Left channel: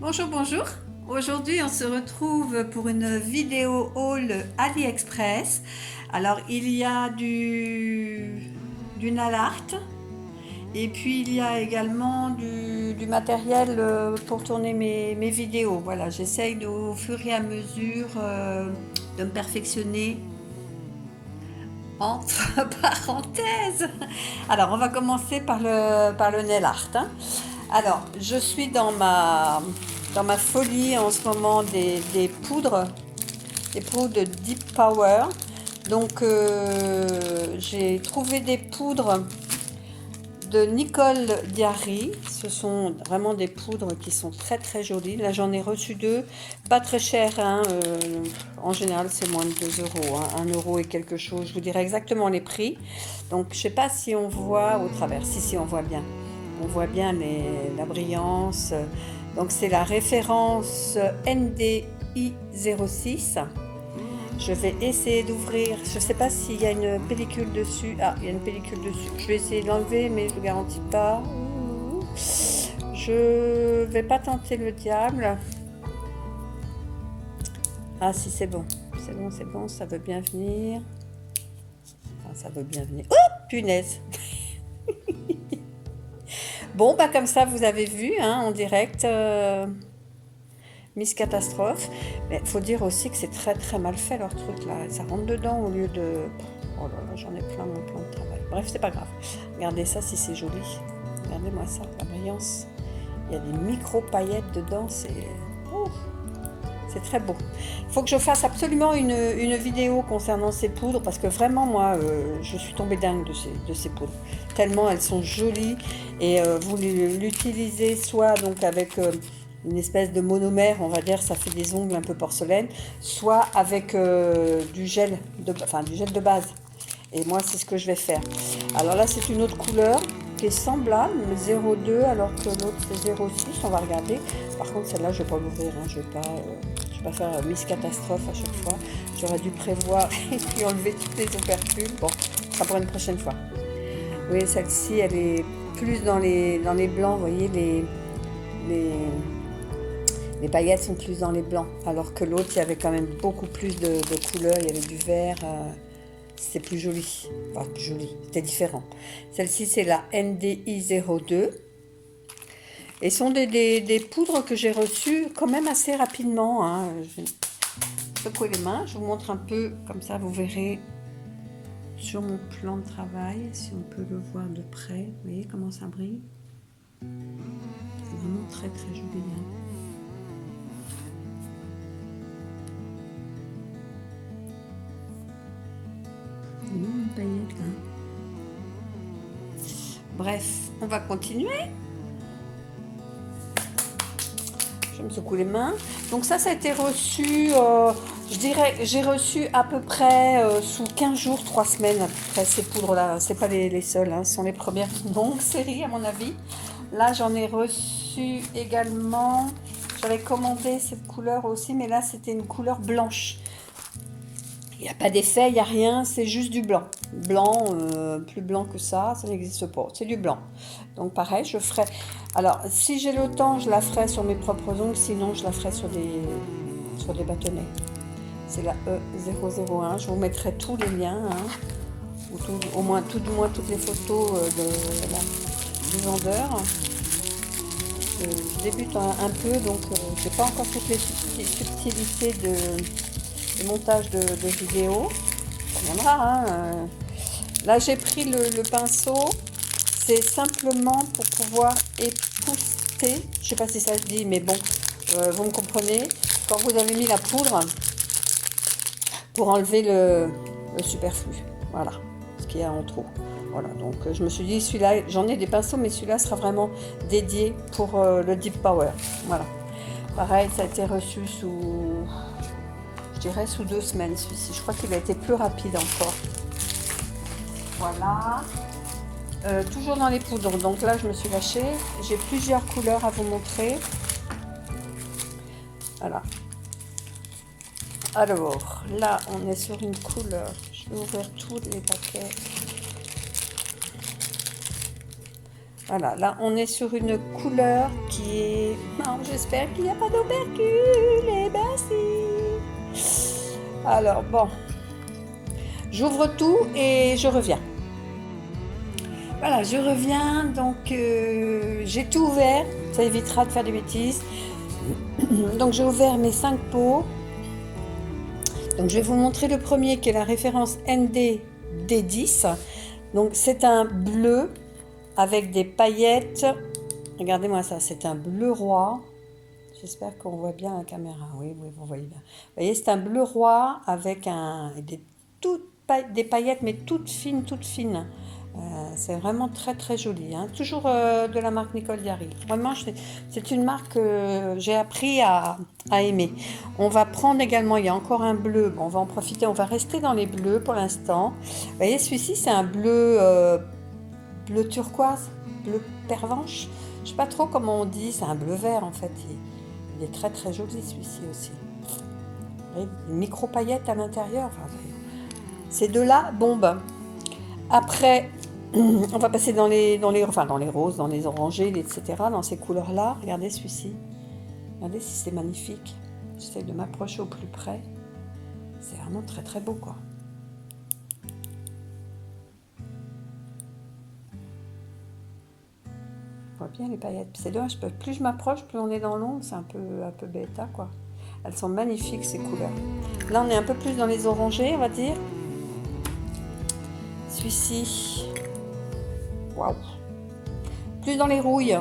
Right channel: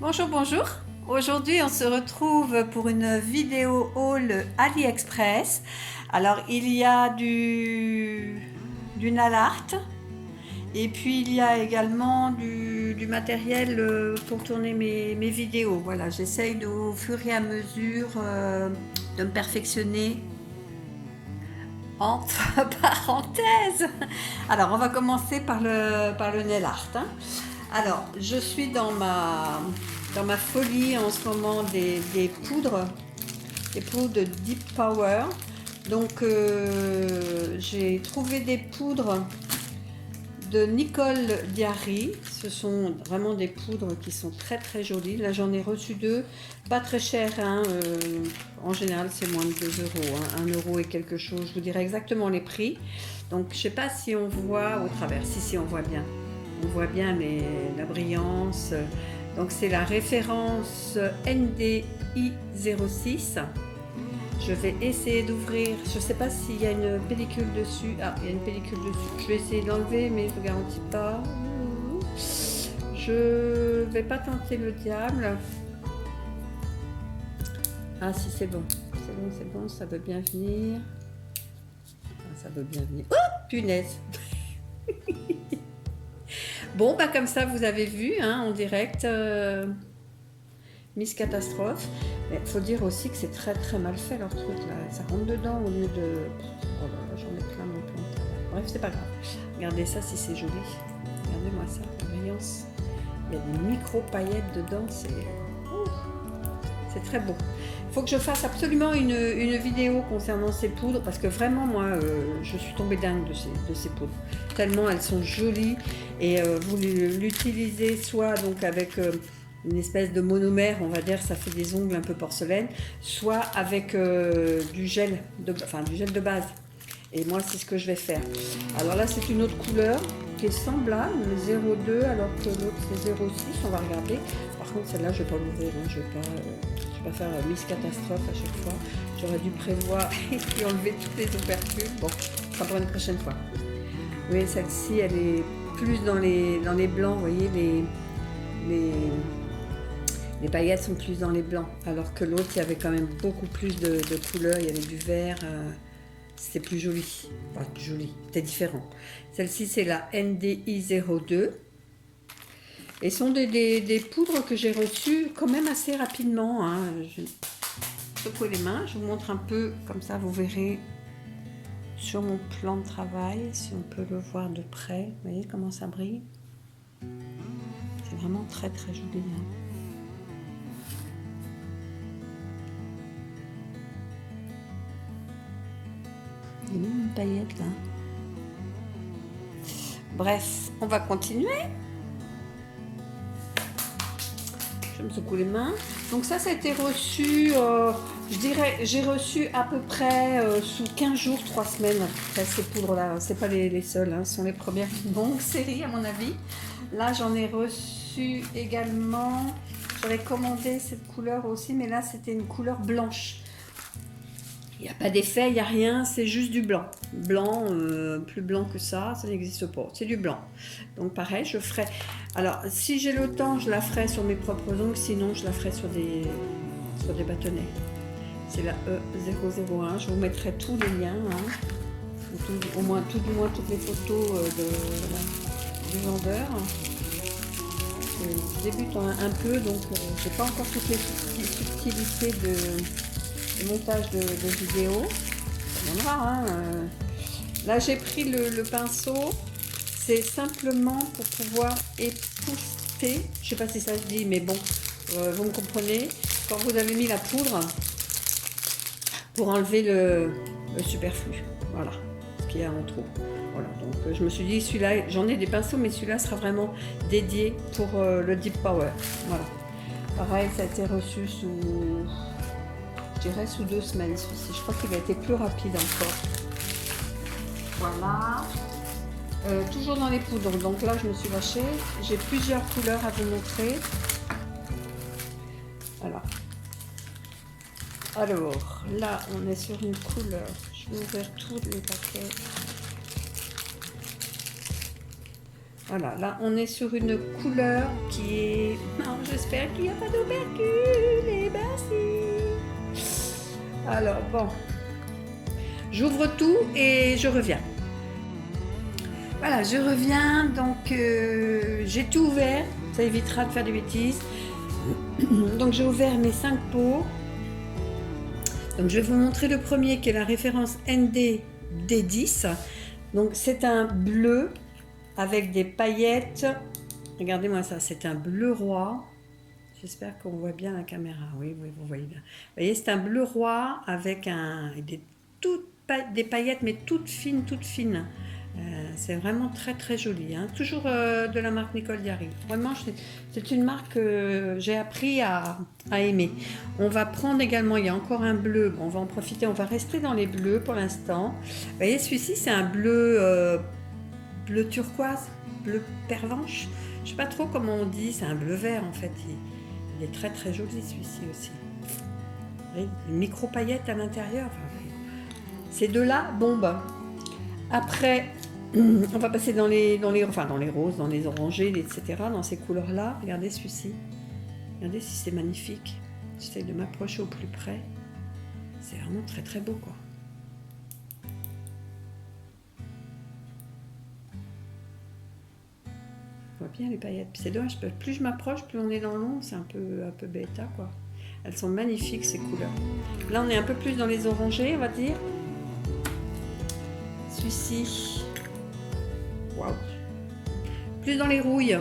Bonjour, bonjour. Aujourd'hui, on se retrouve pour une vidéo haul AliExpress. Alors, il y a du nail art et puis il y a également du matériel pour tourner mes vidéos. Voilà, j'essaye au fur et à mesure de me perfectionner entre parenthèses. Alors, on va commencer par le nail art, hein. Alors, je suis dans ma folie en ce moment des poudres Deep Power. Donc, j'ai trouvé des poudres de Nicole Diary. Ce sont vraiment des poudres qui sont très très jolies. Là, j'en ai reçu deux, pas très cher, hein. En général, c'est moins de 2 euros, hein, 1 euro et quelque chose. Je vous dirai exactement les prix. Donc, je ne sais pas si on voit au travers. Si, on voit bien. On voit bien la brillance. Donc c'est la référence NDI06. Je vais essayer d'ouvrir. Je ne sais pas s'il y a une pellicule dessus. Ah, il y a une pellicule dessus. Je vais essayer de l'enlever, mais je ne vous garantis pas. Je vais pas tenter le diable. Ah si, c'est bon. C'est bon, ça veut bien venir. Ah, ça veut bien venir. Oh, punaise. Bon, bah comme ça, vous avez vu, hein, en direct, Miss Catastrophe. Mais il faut dire aussi que c'est très très mal fait leur truc là. Ça rentre dedans au lieu de... Oh là, j'en ai plein mon plan de travail. Bref, c'est pas grave. Regardez ça si c'est joli. Regardez-moi ça, la brillance. Il y a des micro-paillettes dedans, c'est très beau. Il faut que je fasse absolument une vidéo concernant ces poudres parce que vraiment, moi, je suis tombée dingue de ces poudres. Tellement elles sont jolies et vous l'utilisez soit donc avec une espèce de monomère, on va dire, ça fait des ongles un peu porcelaine, soit avec du gel de base. Et moi, c'est ce que je vais faire. Alors là, c'est une autre couleur qui est semblable, mais 0,2, alors que l'autre, c'est 0,6. On va regarder. Par contre, celle-là, je ne vais pas l'ouvrir. Hein. Je ne vais pas faire Miss Catastrophe à chaque fois. J'aurais dû prévoir et puis enlever toutes les ouvertures. Bon, ça sera pour une prochaine fois. Vous voyez, celle-ci, elle est plus dans les blancs. Vous voyez, les paillettes sont plus dans les blancs. Alors que l'autre, il y avait quand même beaucoup plus de couleurs. Il y avait du vert. C'était plus joli. Enfin, plus joli. C'était différent. Celle-ci, c'est la NDI02. Et ce sont des poudres que j'ai reçues quand même assez rapidement, hein. Je secoue les mains. Je vous montre un peu, comme ça, vous verrez sur mon plan de travail, si on peut le voir de près. Vous voyez comment ça brille? C'est vraiment très, très joli, hein. Une paillette là. Bref, on va continuer. Je me secoue les mains. Donc ça a été reçu, je dirais, j'ai reçu à peu près sous 15 jours, 3 semaines à peu près ces poudres-là. C'est pas les seules, hein, ce sont les premières longues séries à mon avis. Là, j'en ai reçu également. J'avais commandé cette couleur aussi, mais là, c'était une couleur blanche. Il n'y a pas d'effet, il n'y a rien, c'est juste du blanc. Blanc, plus blanc que ça n'existe pas. C'est du blanc. Donc pareil, je ferai... Alors, si j'ai le temps, je la ferai sur mes propres ongles, sinon je la ferai sur des bâtonnets. C'est la E001. Je vous mettrai tous les liens, hein, au moins tout du moins toutes les photos du vendeur. Je débute un peu, donc je n'ai pas encore toutes les subtilités de montage de vidéo. Ça viendra, hein. Là, j'ai pris le pinceau. C'est simplement pour pouvoir épousseter. Je ne sais pas si ça se dit, mais bon, vous me comprenez. Quand vous avez mis la poudre, pour enlever le superflu. Voilà, ce qu'il y a en trop. Voilà, donc je me suis dit, celui-là, j'en ai des pinceaux, mais celui-là sera vraiment dédié pour le Deep Power. Voilà. Pareil, ça a été reçu je dirais sous 2 semaines, celui-ci. Je crois qu'il a été plus rapide encore. Voilà. Toujours dans les poudres. Donc là, je me suis lâchée. J'ai plusieurs couleurs à vous montrer. Voilà. Alors, là, on est sur une couleur. Je vais ouvrir tous les paquets. Voilà, là, on est sur une couleur qui est... Non, je j'espère qu'il n'y a pas d'opercule. Eh ben si. Alors bon, j'ouvre tout et je reviens. Voilà, je reviens, donc j'ai tout ouvert, ça évitera de faire des bêtises. Donc j'ai ouvert mes 5 pots. Donc je vais vous montrer le premier qui est la référence ND D10. Donc c'est un bleu avec des paillettes. Regardez-moi ça, c'est un bleu roi. J'espère qu'on voit bien la caméra. Oui, vous voyez bien. Vous voyez, c'est un bleu roi avec des paillettes, mais toutes fines, toutes fines. C'est vraiment très très joli, hein. Toujours de la marque Nicole Jarry. Vraiment, c'est une marque que j'ai appris à aimer. On va prendre également, il y a encore un bleu. Bon, on va en profiter, on va rester dans les bleus pour l'instant. Vous voyez, celui-ci, c'est un bleu turquoise, bleu pervenche. Je ne sais pas trop comment on dit, c'est un bleu vert en fait. Il est très très joli celui-ci aussi. Vous voyez, une micro paillettes à l'intérieur. Enfin, ces deux-là, bombe. Après, on va passer dans les roses, dans les orangés, etc. Dans ces couleurs-là. Regardez celui-ci. Regardez si c'est magnifique. J'essaie de m'approcher au plus près. C'est vraiment très très beau, quoi. On voit bien les paillettes. C'est dommage, plus je m'approche, plus on est dans l'ombre. C'est un peu bêta, quoi. Elles sont magnifiques, ces couleurs. Là, on est un peu plus dans les orangés, on va dire. Celui-ci, waouh, plus dans les rouilles.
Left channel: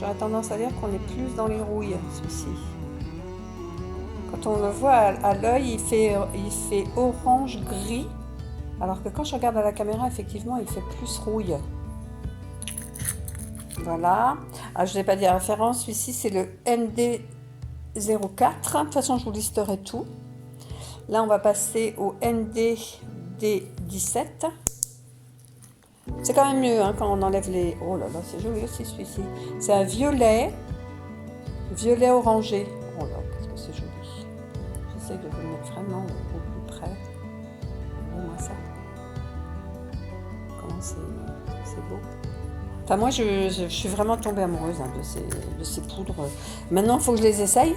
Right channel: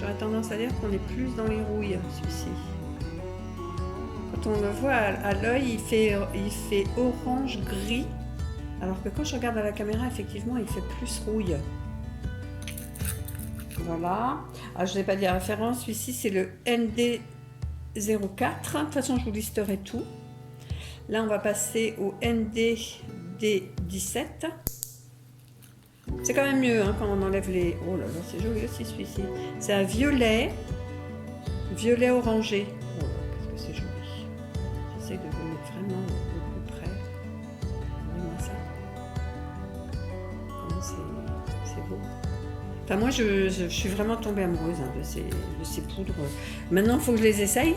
J'aurais tendance à dire qu'on est plus dans les rouilles, celui-ci. Quand on le voit à l'œil, il fait orange-gris, alors que quand je regarde à la caméra, effectivement, il fait plus rouille. Voilà. Alors, je ne vais pas dire la référence, celui-ci, c'est le ND04. De toute façon, je vous listerai tout. Là, on va passer au ND17. C'est quand même mieux, hein, quand on enlève les... Oh là là, c'est joli aussi celui-ci. C'est un violet orangé. Oh là, qu'est-ce que c'est joli. J'essaie de vous mettre vraiment au plus près. Regardez-moi ça. Comment c'est beau. Enfin, moi, je suis vraiment tombée amoureuse, hein, de ces poudres. Maintenant, il faut que je les essaye.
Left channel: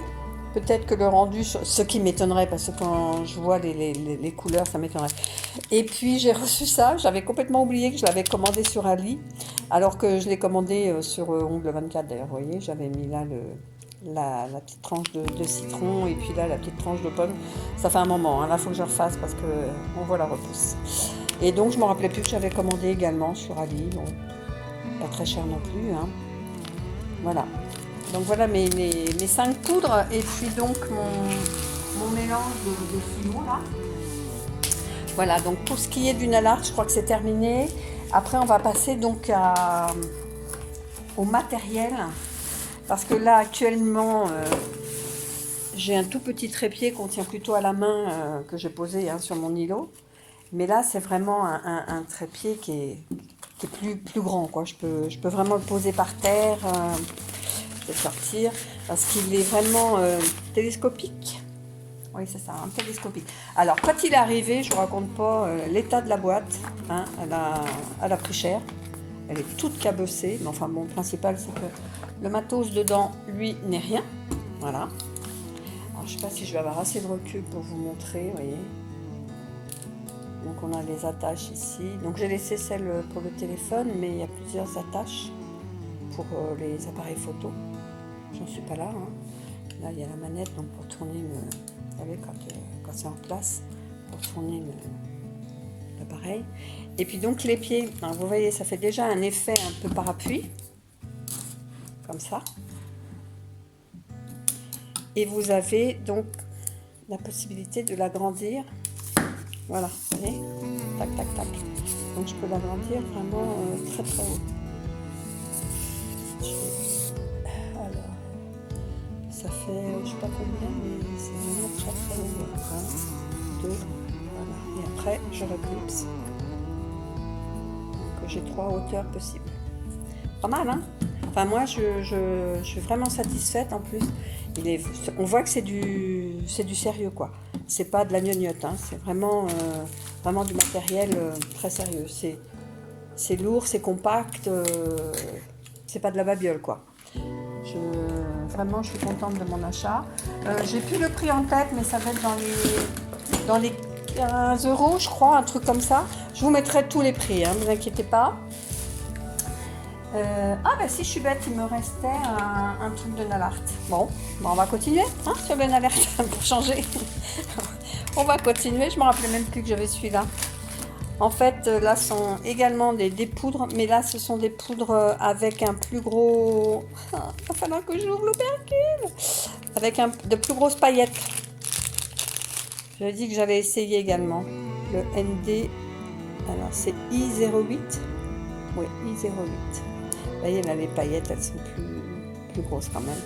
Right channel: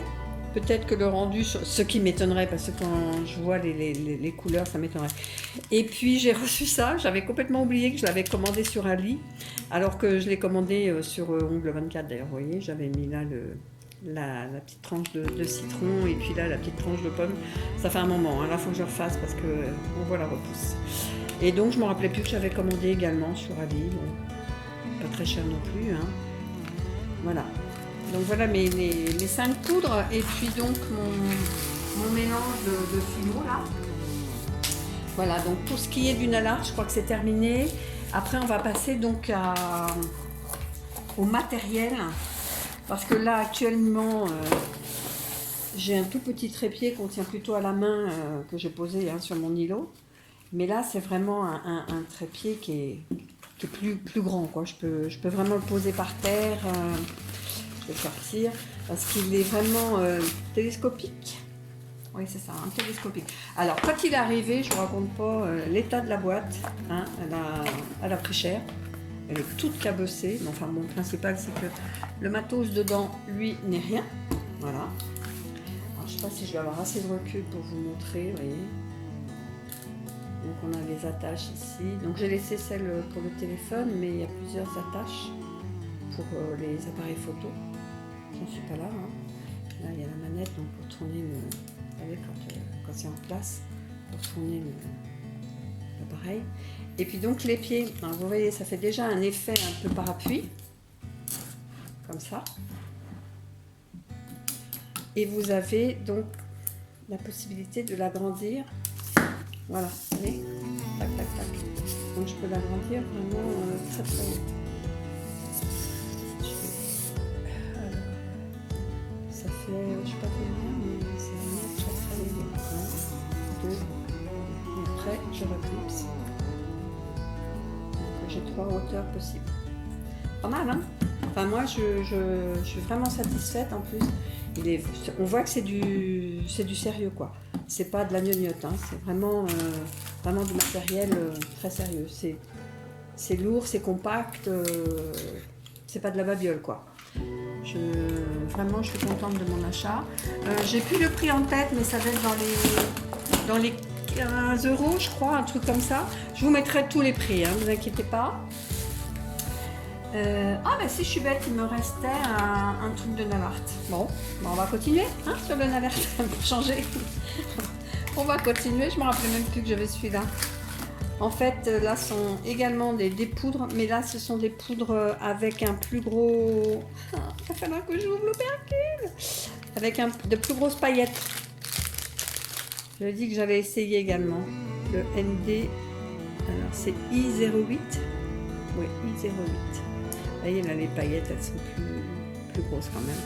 Peut-être que le rendu, ce qui m'étonnerait, parce que quand je vois les couleurs, ça m'étonnerait. Et puis j'ai reçu ça, j'avais complètement oublié que je l'avais commandé sur Ali, alors que je l'ai commandé sur Ongle 24 d'ailleurs, vous voyez, j'avais mis là la petite tranche de citron et puis là la petite tranche de pomme. Ça fait un moment, hein, là il faut que je refasse parce qu'on voit la repousse. Et donc je ne me rappelais plus que j'avais commandé également sur Ali, bon, pas très cher non plus, hein. Voilà. Donc voilà mes 5 poudres et puis donc mon mélange de fino là. Voilà, donc tout ce qui est du nanar, je crois que c'est terminé. Après on va passer donc au matériel. Parce que là actuellement j'ai un tout petit trépied qu'on tient plutôt à la main que j'ai posé, hein, sur mon îlot. Mais là c'est vraiment un trépied qui est plus grand, quoi. Je peux vraiment le poser par terre. Je vais sortir parce qu'il est vraiment télescopique. Oui, c'est ça, un télescopique. Alors, quand il est arrivé, je ne vous raconte pas l'état de la boîte, hein, elle a pris cher. Elle est toute cabossée, mais enfin, bon, le principal, c'est que le matos dedans, lui, n'est rien. Voilà. Alors, je ne sais pas si je vais avoir assez de recul pour vous montrer, vous voyez. Donc, on a les attaches ici. Donc, j'ai laissé celle pour le téléphone, mais il y a plusieurs attaches pour les appareils photo. J'en suis pas là, hein. Là, il y a la manette, donc pour tourner vous savez, quand c'est en place, pour tourner l'appareil. Et puis donc les pieds, hein, vous voyez, ça fait déjà un effet un peu parapluie, comme ça. Et vous avez donc la possibilité de l'agrandir. Voilà, vous voyez, tac, tac, tac. Donc je peux l'agrandir vraiment très très haut. Ça fait, je sais pas combien, mais c'est vraiment très très haut. 1, 2, et après je reclipse. J'ai 3 hauteurs possibles. Pas mal, hein? Enfin, moi, je suis vraiment satisfaite en plus. On voit que c'est du sérieux, quoi. C'est pas de la gnognotte, hein. C'est vraiment du matériel très sérieux. C'est lourd, c'est compact, c'est pas de la babiole, quoi. vraiment, je suis contente de mon achat. J'ai plus le prix en tête, mais ça va être dans les 15 € je crois, un truc comme ça. Je vous mettrai tous les prix, hein, ne vous inquiétez pas. Ah bah si je suis bête, il me restait un truc de Nalart. Bon, on va continuer hein, sur le Nalart pour changer. On va continuer, je me rappelais même plus que j'avais celui-là. En fait, là sont également des poudres, mais là ce sont des poudres avec un plus gros... Ah, il va falloir que j'ouvre l'opercule. Avec de plus grosses paillettes. J'avais dit que j'avais essayé également. Le ND, alors c'est I08. Oui, I08. Vous voyez là, les paillettes, elles sont plus grosses quand même.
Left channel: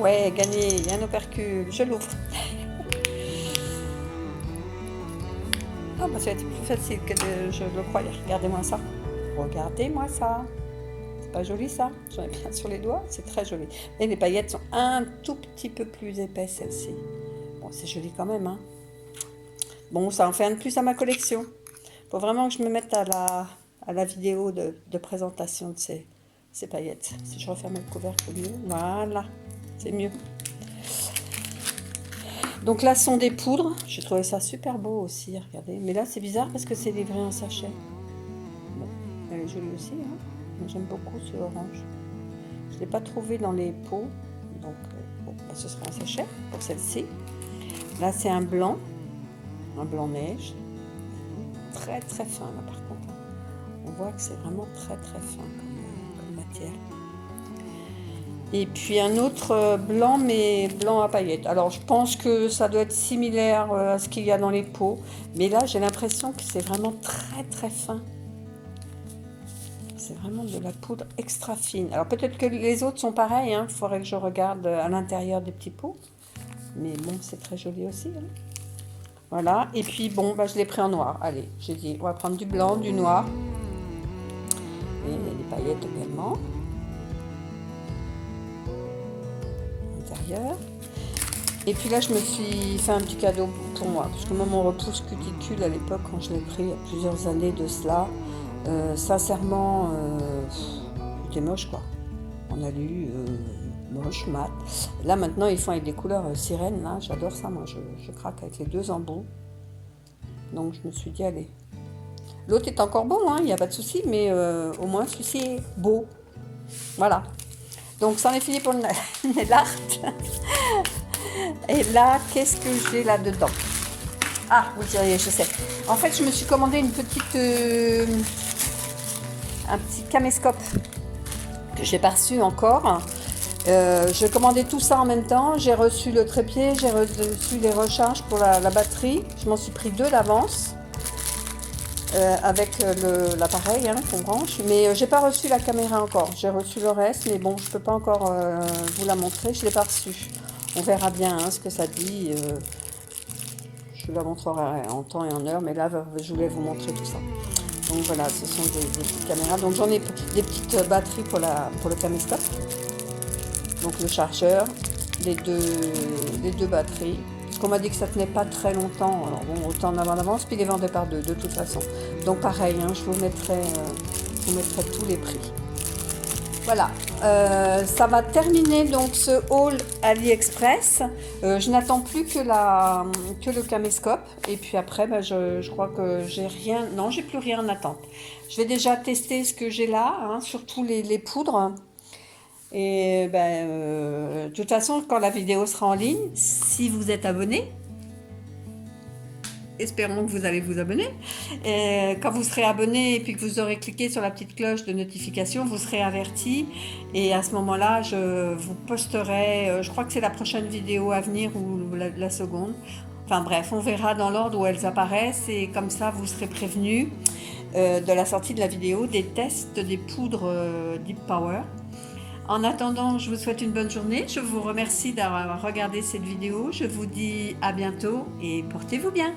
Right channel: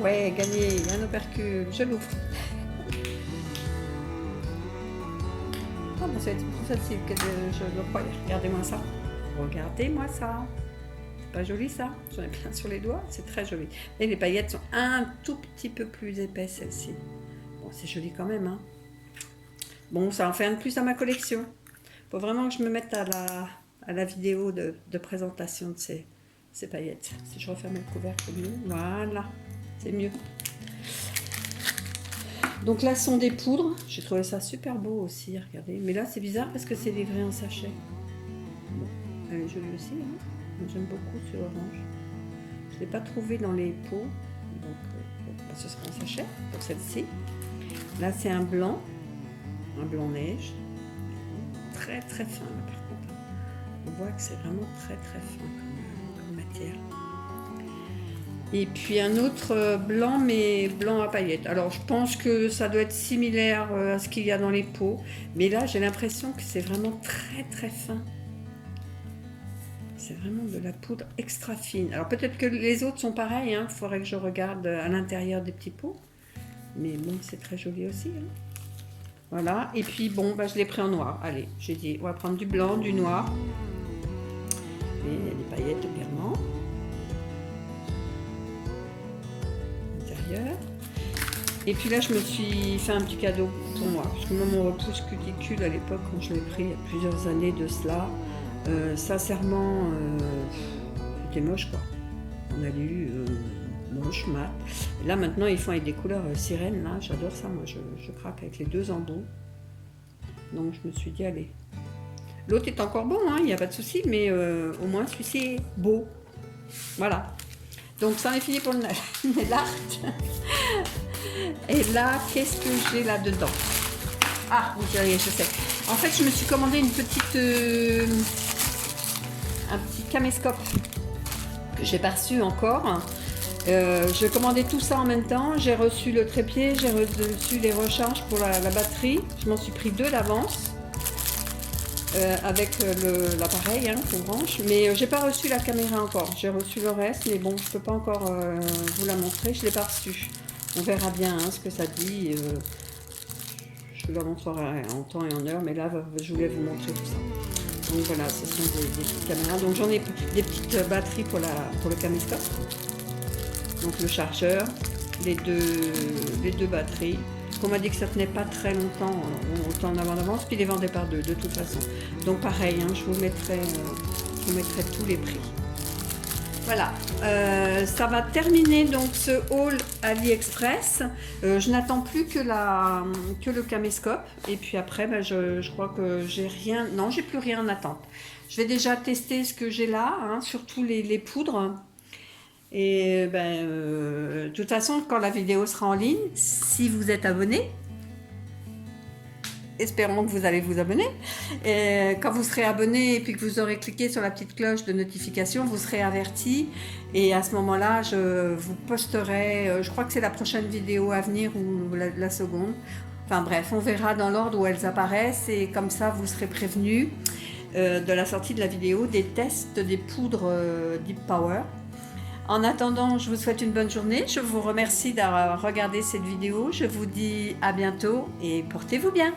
Ouais, gagné, un opercule, je l'ouvre. Ah, bah, ça va être plus facile que je le croyais. Regardez-moi ça. Regardez-moi ça. C'est pas joli ça? J'en ai plein sur les doigts, c'est très joli. Et les paillettes sont un tout petit peu plus épaisses, celles-ci. Bon, c'est joli quand même, hein. Bon, ça en fait un de plus à ma collection. Faut vraiment que je me mette à la vidéo de présentation de ces paillettes. Si je referme le couvercle, voilà, c'est mieux. Donc là sont des poudres. J'ai trouvé ça super beau aussi, regardez. Mais là c'est bizarre parce que c'est livré en sachet. Bon, elle est jolie aussi, hein. J'aime beaucoup ce orange. Je ne l'ai pas trouvé dans les pots. Donc bon, ce sera en sachet pour celle-ci. Là c'est un blanc neige. Très très fin là par contre. On voit que c'est vraiment très très fin comme matière. Et puis un autre blanc, mais blanc à paillettes. Alors je pense que ça doit être similaire à ce qu'il y a dans les pots. Mais là j'ai l'impression que c'est vraiment très très fin. C'est vraiment de la poudre extra fine. Alors peut-être que les autres sont pareils. Il faudrait que je regarde à l'intérieur des petits pots. Mais bon, c'est très joli aussi. Hein. Voilà. Et puis bon, bah, je l'ai pris en noir. Allez, j'ai dit, on va prendre du blanc, du noir. Et les paillettes également. Et puis là je me suis fait un petit cadeau pour moi parce que moi mon repousse cuticule à l'époque quand je l'ai pris il y a plusieurs années de cela, sincèrement c'était moche quoi. On a lu moche, mat. Là maintenant ils font avec des couleurs sirènes, là j'adore ça, moi je craque avec les deux embouts. Donc je me suis dit allez. L'autre est encore bon, il n'y a pas de souci, mais au moins celui-ci est beau. Voilà. Donc ça en est fini pour le Nalart. Et là, qu'est-ce que j'ai là-dedans? Ah, vous diriez, je sais. En fait, je me suis commandé un petit caméscope que j'ai pas reçu encore. J'ai commandé tout ça en même temps. J'ai reçu le trépied, j'ai reçu les recharges pour la batterie. Je m'en suis pris 2 d'avance. Avec l'appareil qu'on branche, mais j'ai pas reçu la caméra encore. J'ai reçu le reste, mais bon, je peux pas encore vous la montrer. Je l'ai pas reçu. On verra bien ce que ça dit. Je vous la montrerai en temps et en heure, mais là, je voulais vous montrer tout ça. Donc voilà, ce sont des petites caméras. Donc j'en ai des petites batteries pour le caméscope. Donc le chargeur, les deux batteries. On m'a dit que ça tenait pas très longtemps, alors bon, autant en avance, puis les vendait par 2 de toute façon. Donc pareil, je vous mettrai tous les prix. Voilà, ça va terminer donc ce haul AliExpress. Je n'attends plus que le caméscope. Et puis après, je crois que j'ai rien. Non, j'ai plus rien en attente. Je vais déjà tester ce que j'ai là, surtout les poudres. Et de toute façon, quand la vidéo sera en ligne, si vous êtes abonné, espérons que vous allez vous abonner. Et quand vous serez abonné et puis que vous aurez cliqué sur la petite cloche de notification, vous serez averti. Et à ce moment-là, je vous posterai, je crois que c'est la prochaine vidéo à venir ou la seconde. Enfin bref, on verra dans l'ordre où elles apparaissent et comme ça, vous serez prévenus de la sortie de la vidéo des tests des poudres Deep Power. En attendant, je vous souhaite une bonne journée. Je vous remercie d'avoir regardé cette vidéo. Je vous dis à bientôt et portez-vous bien.